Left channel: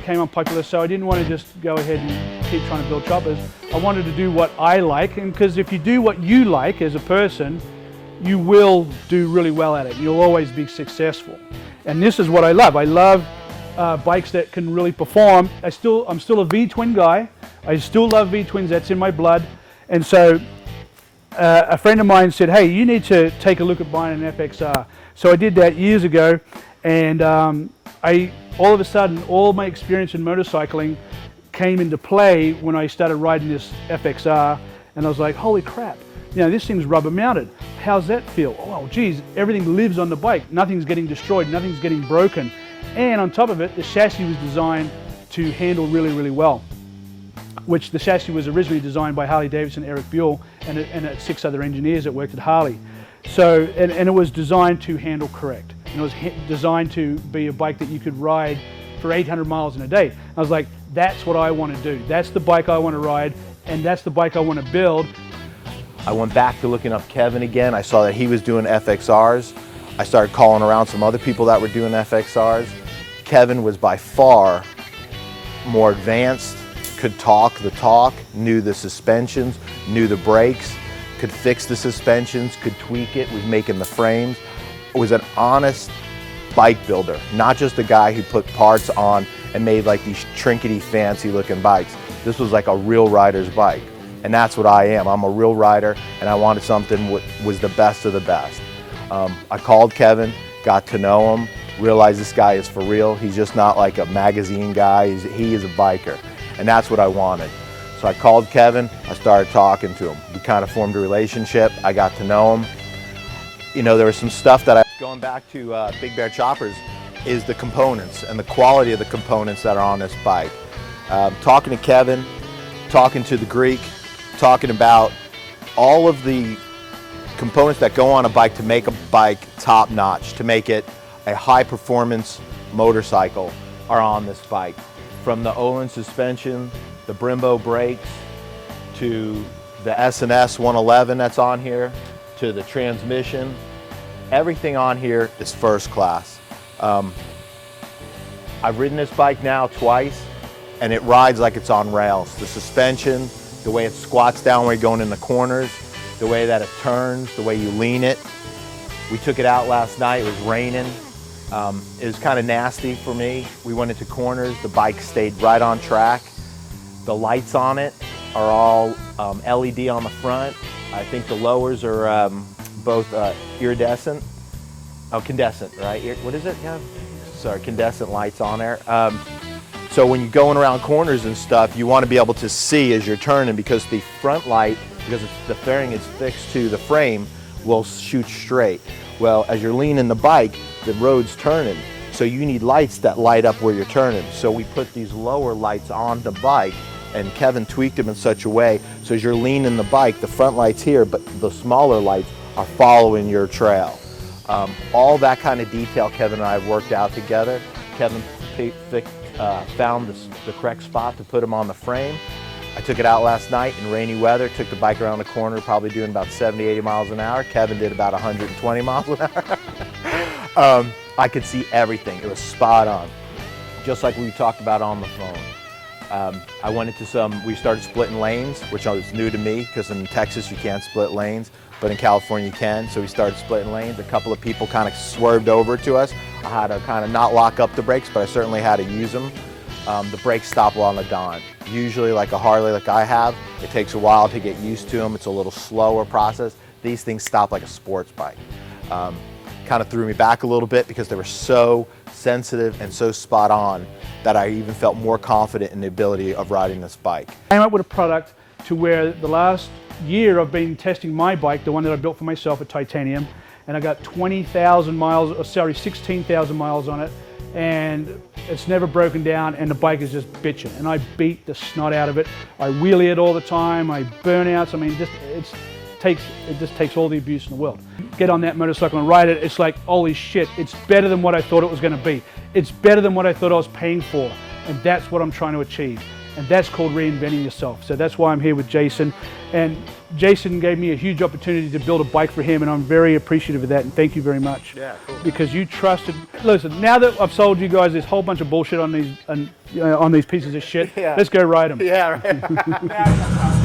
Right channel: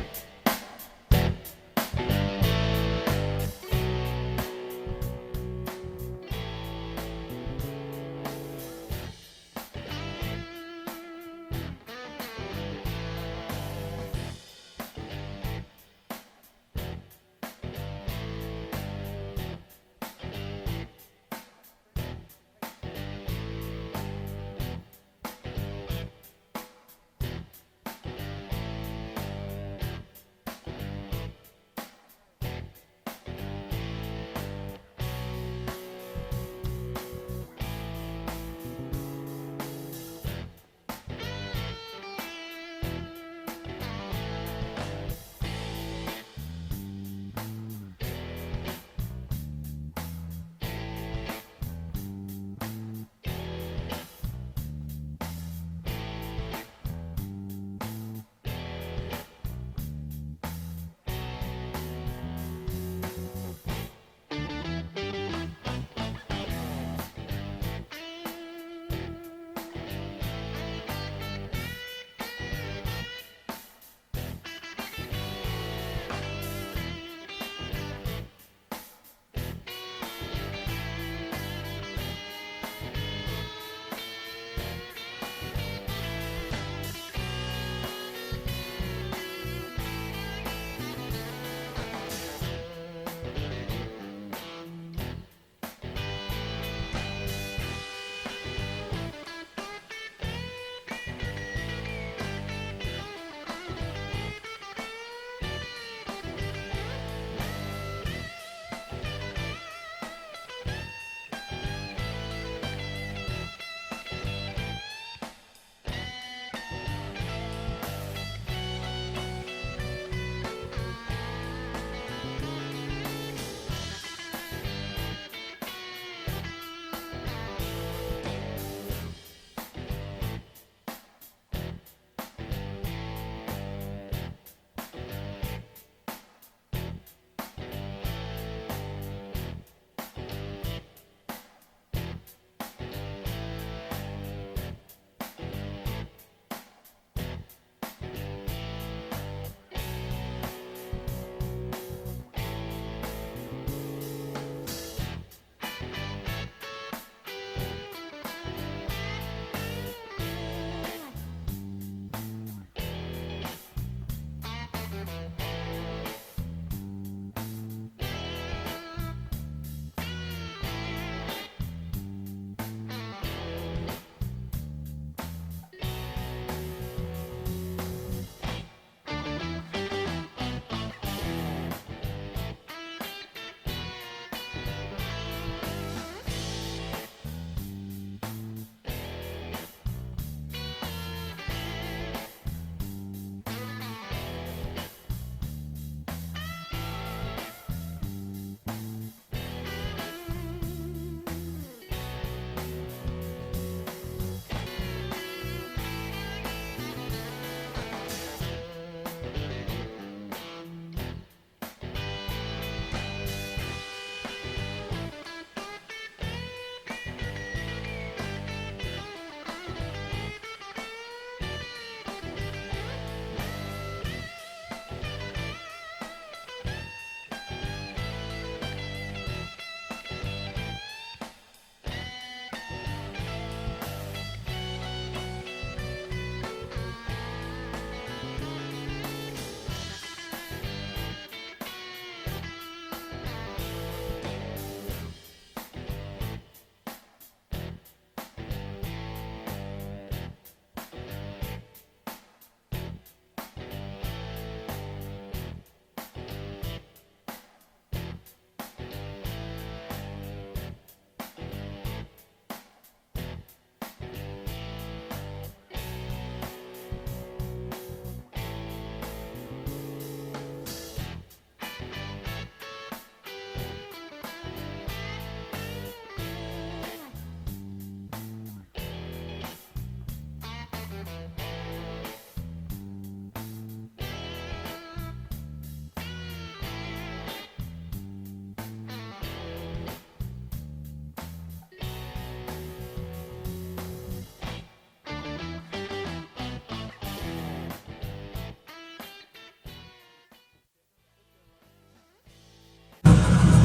became unpopular, so I didn't want to just go ahead and keep trying to build choppers. I wanted to do what I like, and because if you do what you like as a person, you will do really well at it. You'll always be successful. And this is what I love. I love bikes that can really perform. I'm still a V-twin guy. I still love V-twins, that's in my blood. And so a friend of mine said, hey, you need to take a look at buying an FXR. So I did that years ago, and all of a sudden, all my experience in motorcycling came into play when I started riding this FXR, and I was like, holy crap, you know, this thing's rubber mounted. How's that feel? Oh, geez, everything lives on the bike. Nothing's getting destroyed, nothing's getting broken. And on top of it, the chassis was designed to handle really, really well, which the chassis was originally designed by Harley-Davidson, Eric Buell, and 6 other engineers that worked at Harley. So, and it was designed to handle correct. And it was designed to be a bike that you could ride for 800 miles in a day. I was like, that's what I want to do. That's the bike I want to ride, and that's the bike I want to build. I went back to looking up Kevin again. I saw that he was doing FXRs. I started calling around some other people that were doing FXRs. Kevin was by far more advanced, could talk the talk, knew the suspensions, knew the brakes, could fix the suspensions, could tweak it, was making the frames. Was an honest bike builder, not just a guy who put parts on and made like these trinkety fancy looking bikes. This was like a real rider's bike. And that's what I am. I'm a real rider, and I wanted something that was the best of the best. I called Kevin, got to know him, realized this guy is for real. He's just not like a magazine guy, he is a biker. And that's what I wanted. So I called Kevin, I started talking to him. We kind of formed a relationship, I got to know him. You know, there was some stuff that going back to Big Bear Choppers, is the components and the quality of the components that are on this bike. Talking to Kevin, talking to the Greek, talking about all of the components that go on a bike to make a bike top-notch, to make it a high-performance motorcycle are on this bike. From the Olin suspension, the Brembo brakes, to the S&S 111 that's on here, to the transmission. Everything on here is first class. I've ridden this bike now twice, and it rides like it's on rails. The suspension, the way it squats down when you're going in the corners, the way that it turns, the way you lean it. We took it out last night, it was raining. It was kind of nasty for me. We went into corners, the bike stayed right on track. The lights on it are all LED on the front. I think the lowers are both iridescent. Oh, incandescent, right? What is it? Yeah. Sorry, incandescent lights on there. So when you're going around corners and stuff, you want to be able to see as you're turning, because the front light, because the fairing is fixed to the frame, will shoot straight. Well, as you're leaning the bike, the road's turning, so you need lights that light up where you're turning. So we put these lower lights on the bike, and Kevin tweaked them in such a way, so as you're leaning the bike, the front light's here, but the smaller lights are following your trail. All that kind of detail Kevin and I have worked out together. Kevin found the correct spot to put them on the frame. I took it out last night in rainy weather, took the bike around the corner, probably doing about 70, 80 miles an hour. Kevin did about 120 miles an hour. I could see everything. It was spot on, just like we talked about on the phone. I went into we started splitting lanes, which was new to me, because in Texas you can't split lanes, but in California you can, so we started splitting lanes. A couple of people kind of swerved over to us. I had to kind of not lock up the brakes, but I certainly had to use them. The brakes stop on the dime. Usually, like a Harley like I have, it takes a while to get used to them. It's a little slower process. These things stop like a sports bike. Kind of threw me back a little bit because they were so sensitive and so spot on that I even felt more confident in the ability of riding this bike. I came up with a product to where the last year I've been testing my bike, the one that I built for myself at Titanium, and I got 16,000 miles on it, and it's never broken down, and the bike is just bitching, and I beat the snot out of it. I wheelie it all the time, I burnouts, I mean, it just takes all the abuse in the world. Get on that motorcycle and ride it, it's like, holy shit, it's better than what I thought it was going to be. It's better than what I thought I was paying for, and that's what I'm trying to achieve. And that's called reinventing yourself. So that's why I'm here with Jason. And Jason gave me a huge opportunity to build a bike for him, and I'm very appreciative of that, and thank you very much. Yeah, cool. Because you trusted. Listen, now that I've sold you guys this whole bunch of bullshit on these pieces of shit, Yeah. let's go ride them. Yeah, right.